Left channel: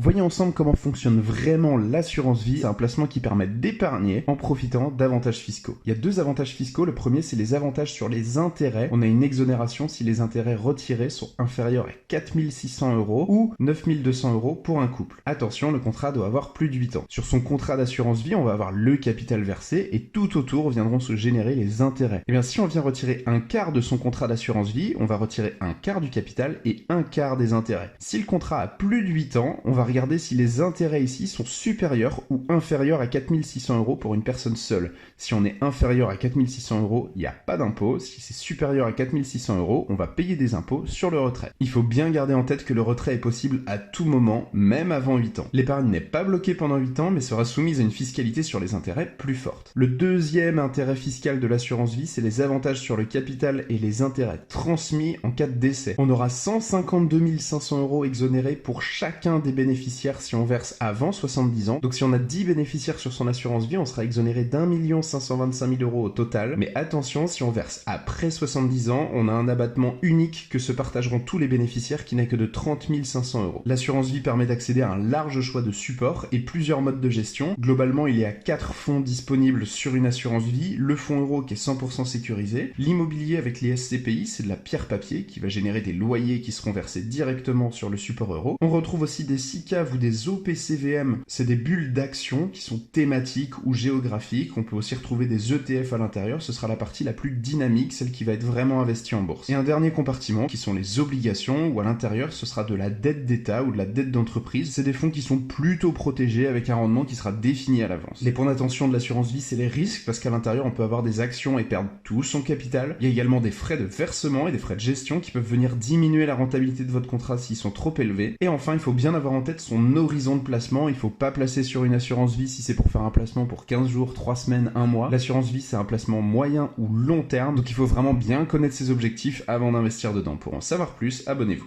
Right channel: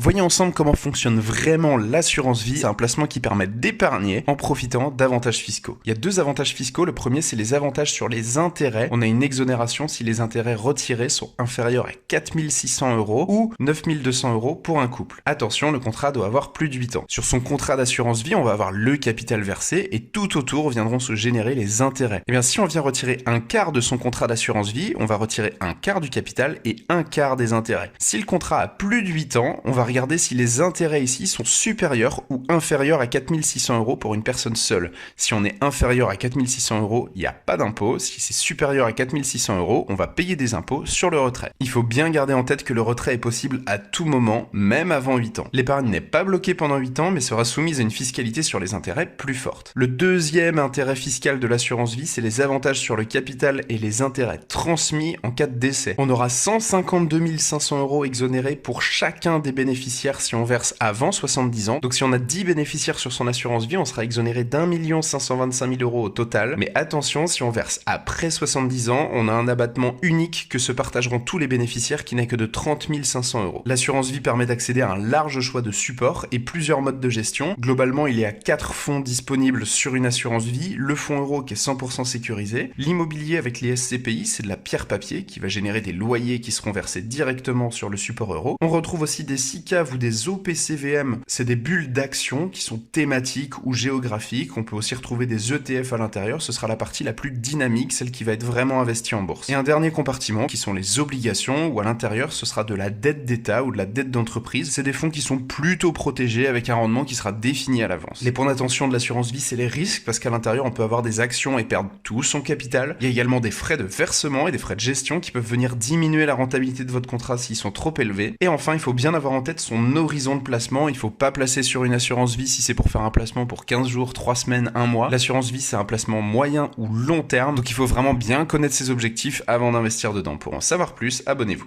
Voyons ensemble comment fonctionne vraiment l'assurance vie. C'est un placement qui permet d'épargner en profitant d'avantages fiscaux. Il y a deux avantages fiscaux. Le premier, c'est les avantages sur les intérêts. On a une exonération si les intérêts retirés sont inférieurs à 4 600 € ou 9 200 € pour un couple. Attention, le contrat doit avoir plus de 8 ans. Sur son contrat d'assurance vie, on va avoir le capital versé et tout autour viendront se générer les intérêts. Et bien, si on vient retirer un quart de son contrat d'assurance vie, on va retirer un quart du capital et un quart des intérêts. Si le contrat a plus de 8 ans, on va regarder si les intérêts ici sont supérieurs ou inférieurs à 4 600 € pour une personne seule. Si on est inférieur à 4 600 €, il n'y a pas d'impôt. Si c'est supérieur à 4 600 €, on va payer des impôts sur le retrait. Il faut bien garder en tête que le retrait est possible à tout moment, même avant 8 ans. L'épargne n'est pas bloquée pendant 8 ans, mais sera soumise à une fiscalité sur les intérêts plus forte. Le deuxième intérêt fiscal de l'assurance vie, c'est les avantages sur le capital et les intérêts transmis en cas de décès. On aura 152 500 € exonérés pour chacun des bénéficiaires si on verse avant 70 ans. Donc si on a 10 bénéficiaires sur son assurance vie, on sera exonéré d'1 525 000 € au total. Mais attention, si on verse après 70 ans, on a un abattement unique que se partageront tous les bénéficiaires qui n'est que de 30 500 €. L'assurance vie permet d'accéder à un large choix de supports et plusieurs modes de gestion. Globalement, il y a 4 fonds disponibles sur une assurance vie. Le fonds euro qui est 100% sécurisé. L'immobilier avec les SCPI, c'est de la pierre papier qui va générer des loyers qui seront versés directement sur le support euro. On retrouve aussi des SICAV ou des OPCVM, c'est des bulles d'action qui sont thématiques ou géographiques. On peut aussi retrouver des ETF à l'intérieur, ce sera la partie la plus dynamique, celle qui va être vraiment investie en bourse. Et un dernier compartiment qui sont les obligations, où à l'intérieur ce sera de la dette d'État ou de la dette d'entreprise. C'est des fonds qui sont plutôt protégés avec un rendement qui sera défini à l'avance. Les points d'attention de l'assurance vie, c'est les risques, parce qu'à l'intérieur on peut avoir des actions et perdre tout son capital. Il y a également des frais de versement et des frais de gestion qui peuvent venir diminuer la rentabilité de votre contrat s'ils sont trop élevés. Et enfin, il faut bien avoir en tête son horizon de placement. Il ne faut pas placer sur une assurance vie si c'est pour faire un placement pour 15 jours, 3 semaines, 1 mois. L'assurance vie, c'est un placement moyen ou long terme, donc il faut vraiment bien connaître ses objectifs avant d'investir dedans. Pour en savoir plus, abonnez-vous.